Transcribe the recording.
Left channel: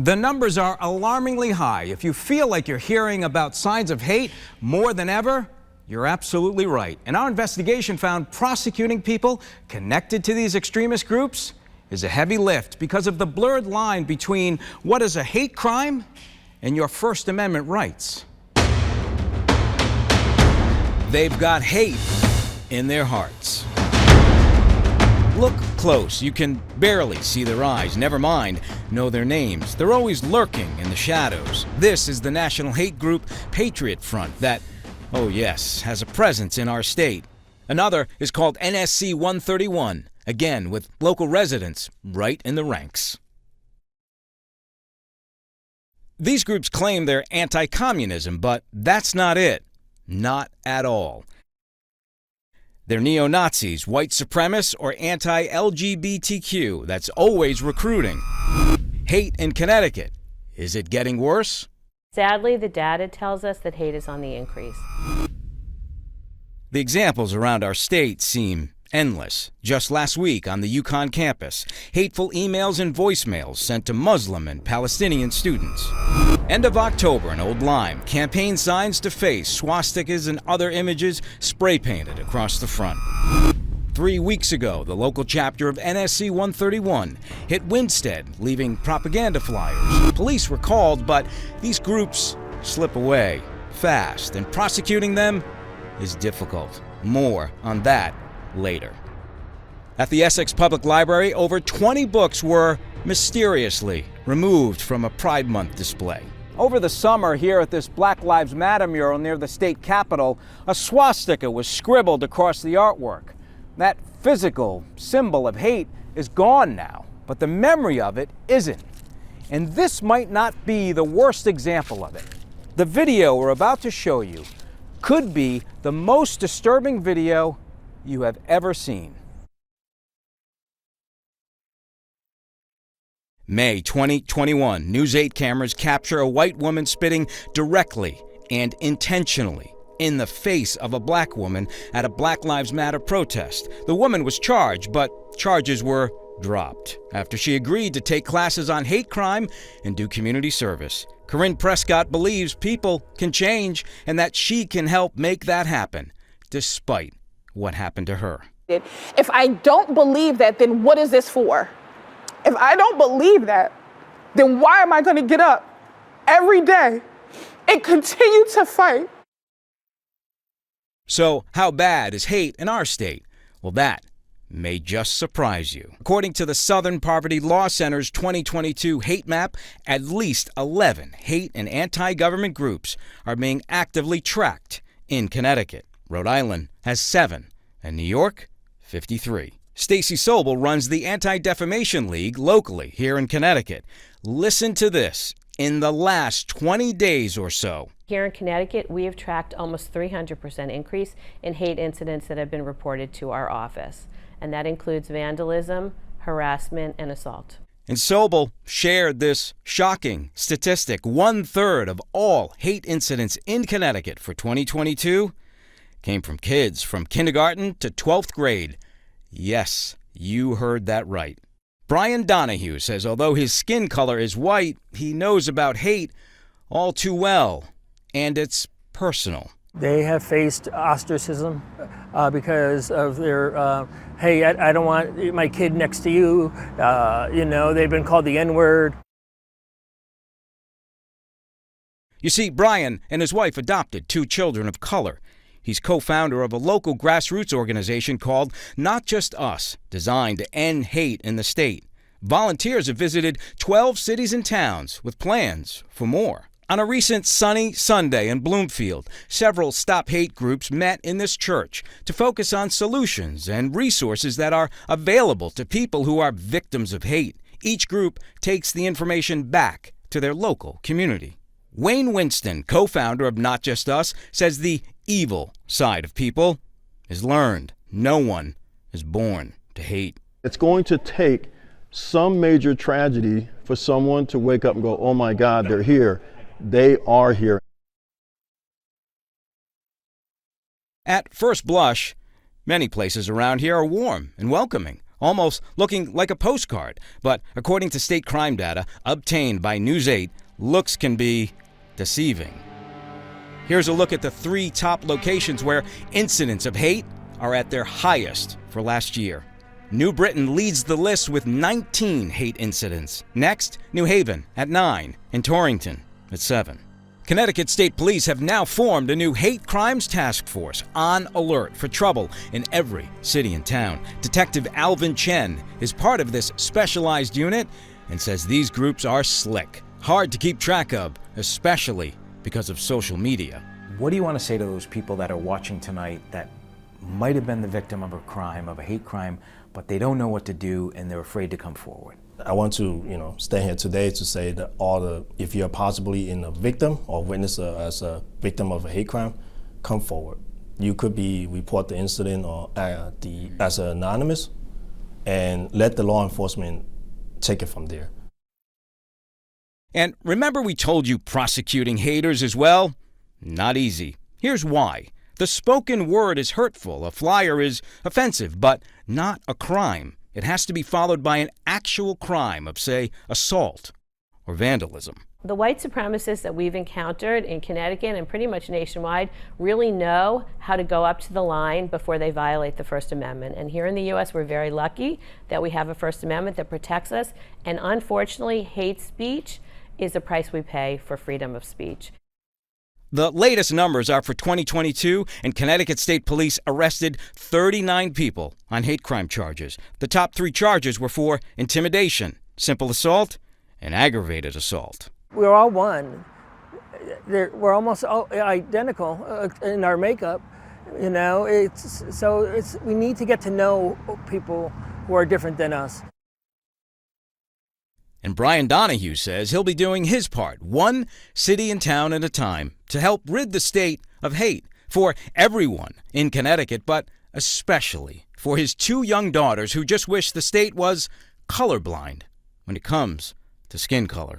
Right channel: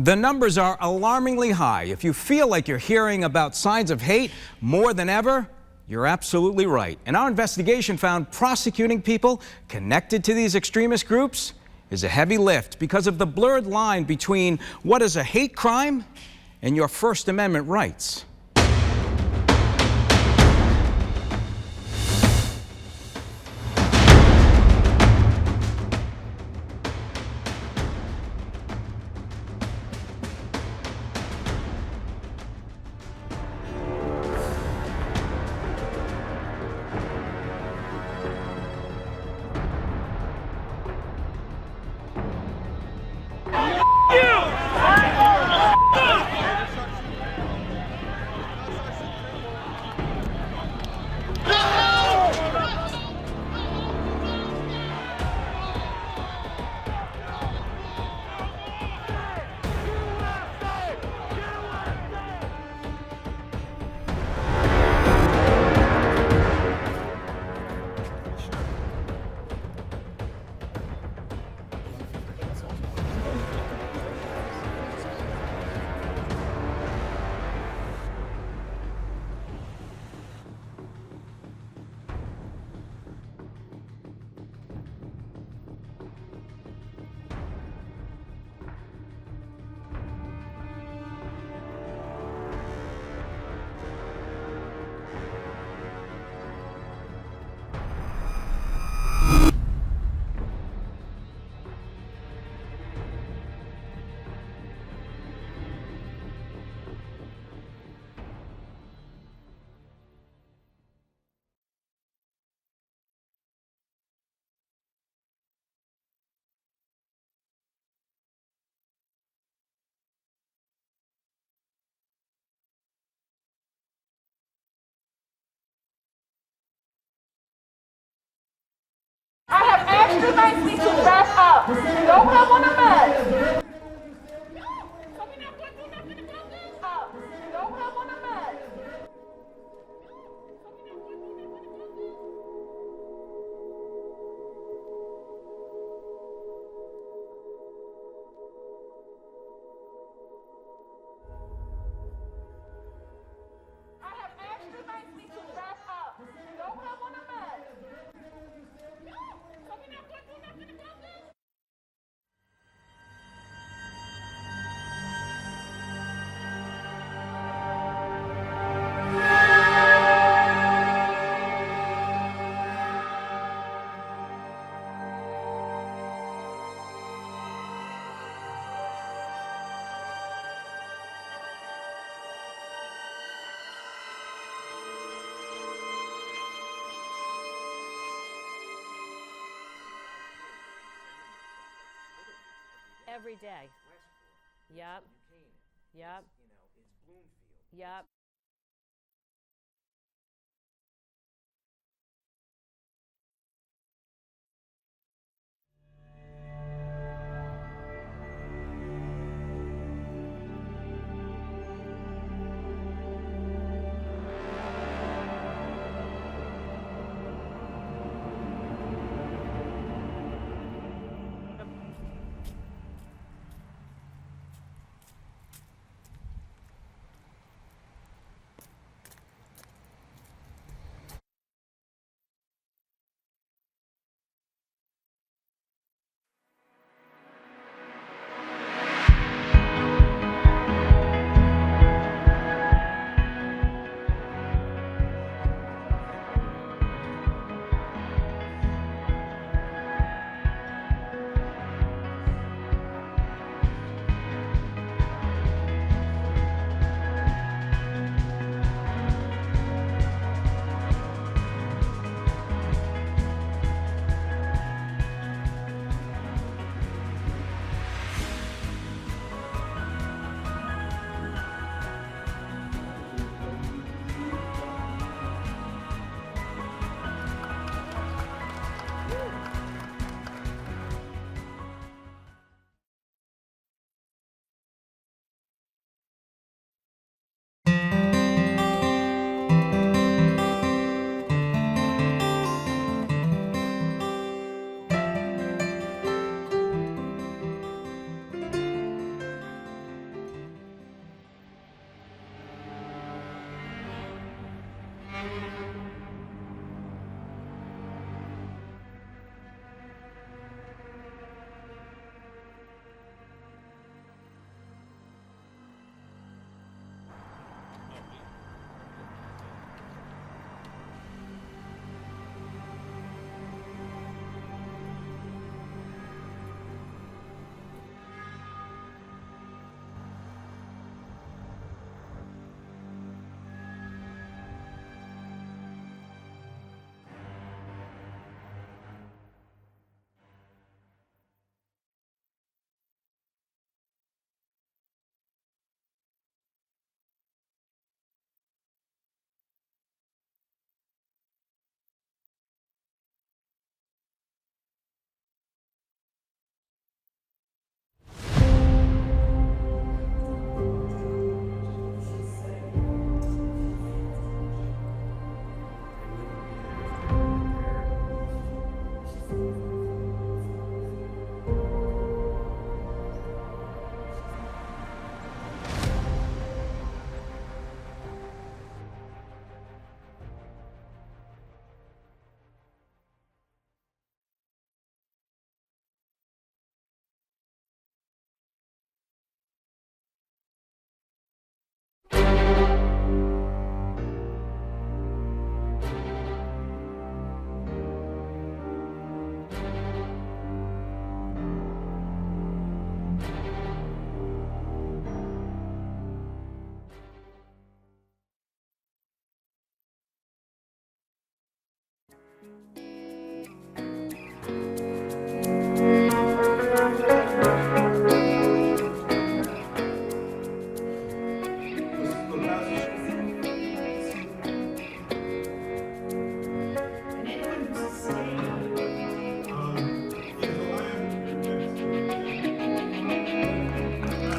The numbers are alarmingly high. If you feel like you're hearing about signs of hate more than ever, you're absolutely right. And our investigation found prosecuting people connected to these extremist groups is a heavy lift because of the blurred line between what is a hate crime and your First Amendment rights. They've got hate in their hearts. Look close. You can barely see their eyes, never mind know their names. They're always lurking in the shadows. This is the national hate group Patriot Front that, oh yes, has a presence in our state. Another is called NSC 131, again with local residents right in the ranks. These groups claim they're anti-communism, but that's not it. Not at all. They're neo-Nazis, white supremacists, or anti-LGBTQ. That's always recruiting. Hate in Connecticut. Is it getting worse? Sadly, the data tells us that hate is on the increase. The examples around our state seem endless. Just last week on the UConn campus, hateful emails and voicemails sent to Muslim and Palestinian students. End of October in Old Lyme, campaign signs defaced, swastikas and other images spray painted across the front. 3 weeks ago, the local chapter of NSC 131 hit Winstead, leaving propaganda flyers. Police were called, but these groups slip away fast, and prosecuting them is difficult. More on that later. At the Essex Public Library, over 20 books were mysteriously removed from a Pride Month display. Over the summer, here at this Black Lives Matter mural near the state capitol, a swastika was scribbled across the artwork. That physical symbol of hate is gone now, but the memory of it isn't. And this might not be the worst example of it. The video we're about to show you could be the most disturbing video you have ever seen. I have asked you nicely to back up. Don't come on a mess. May 2021, News 8 cameras capture a white woman spitting directly and intentionally in the face of a black woman at a Black Lives Matter protest. The woman was charged, but charges were dropped after she agreed to take classes on hate crime and do community service. Corinne Prescott believes people can change and that she can help make that happen, despite what happened to her. If I don't believe that, then what is this for? If I don't believe that, then why am I going to get up every day and continue to fight? So how bad is hate in our state? Well, that may just surprise you. According to the Southern Poverty Law Center's 2022 hate map, at least 11 hate and anti-government groups are being actively tracked in Connecticut. Rhode Island has 7, and New York, 53. Stacy Sobel runs the Anti-Defamation League locally here in Connecticut. Listen to this. In the last 20 days or so, Here in Connecticut, we have tracked almost 300% increase in hate incidents that have been reported to our office. And that includes vandalism, harassment, and assault. and Sobel shared this shocking statistic. 1/3 of all hate incidents in Connecticut for 2022 came from kids from kindergarten to 12th grade. Yes, you heard that right. Brian Donahue says although his skin color is white, he knows about hate all too well, and it's personal. They have faced ostracism because of their, hey, I don't want my kid next to you. You know, they've been called the N-word. You see, Brian and his wife adopted 2 children of color. He's co-founder of a local grassroots organization called Not Just Us, designed to end hate in the state. Volunteers have visited 12 cities and towns with plans for more. On a recent sunny Sunday in Bloomfield, several Stop Hate groups met in this church to focus on solutions and resources that are available to people who are victims of hate. Each group takes the information back to their local community. Wayne Winston, co-founder of Not Just Us, says the evil side of people is learned. No one is born to hate. It's going to take some major tragedy for someone to wake up and go, oh my God, they're here. They are here. At first blush, Many places around here are warm and welcoming, almost looking like a postcard. But according to state crime data obtained by News 8, looks can be deceiving. Here's a look at the 3 top locations where incidents of hate are at their highest for last year. New Britain leads the list with 19 hate incidents. Next, New Haven at 9 and Torrington at 7. Connecticut State Police have now formed a new hate crimes task force on alert for trouble in every city and town. Detective Alvin Chen is part of this specialized unit and says these groups are slick, hard to keep track of, especially because of social media. What do you want to say to those people that are watching tonight that might have been the victim of a crime, of a hate crime, but they don't know what to do and they're afraid to come forward? I want to, stand here today to say that if you're possibly in a victim or witness as a victim of a hate crime, come forward. You could report the incident or as anonymous, and let the law enforcement take it from there. And remember we told you prosecuting haters is, well, not easy. Here's why. The spoken word is hurtful, a flyer is offensive, but not a crime. It has to be followed by an actual crime of, say, assault or vandalism. The white supremacists that we've encountered in Connecticut and pretty much nationwide really know how to go up to the line before they violate the First Amendment. And here in the U.S., we're very lucky that we have a First Amendment that protects us. And unfortunately, hate speech is the price we pay for freedom of speech. The latest numbers are for 2022, and Connecticut State Police arrested 39 people on hate crime charges. The top 3 charges were for intimidation, simple assault, and aggravated assault. We're all one. We're almost all identical in our makeup. We need to get to know people who are different than us. Brian Donahue says he'll be doing his part, one city and town at a time, to help rid the state of hate for everyone in Connecticut, but especially for his 2 young daughters who just wish the state was colorblind when it comes to skin color.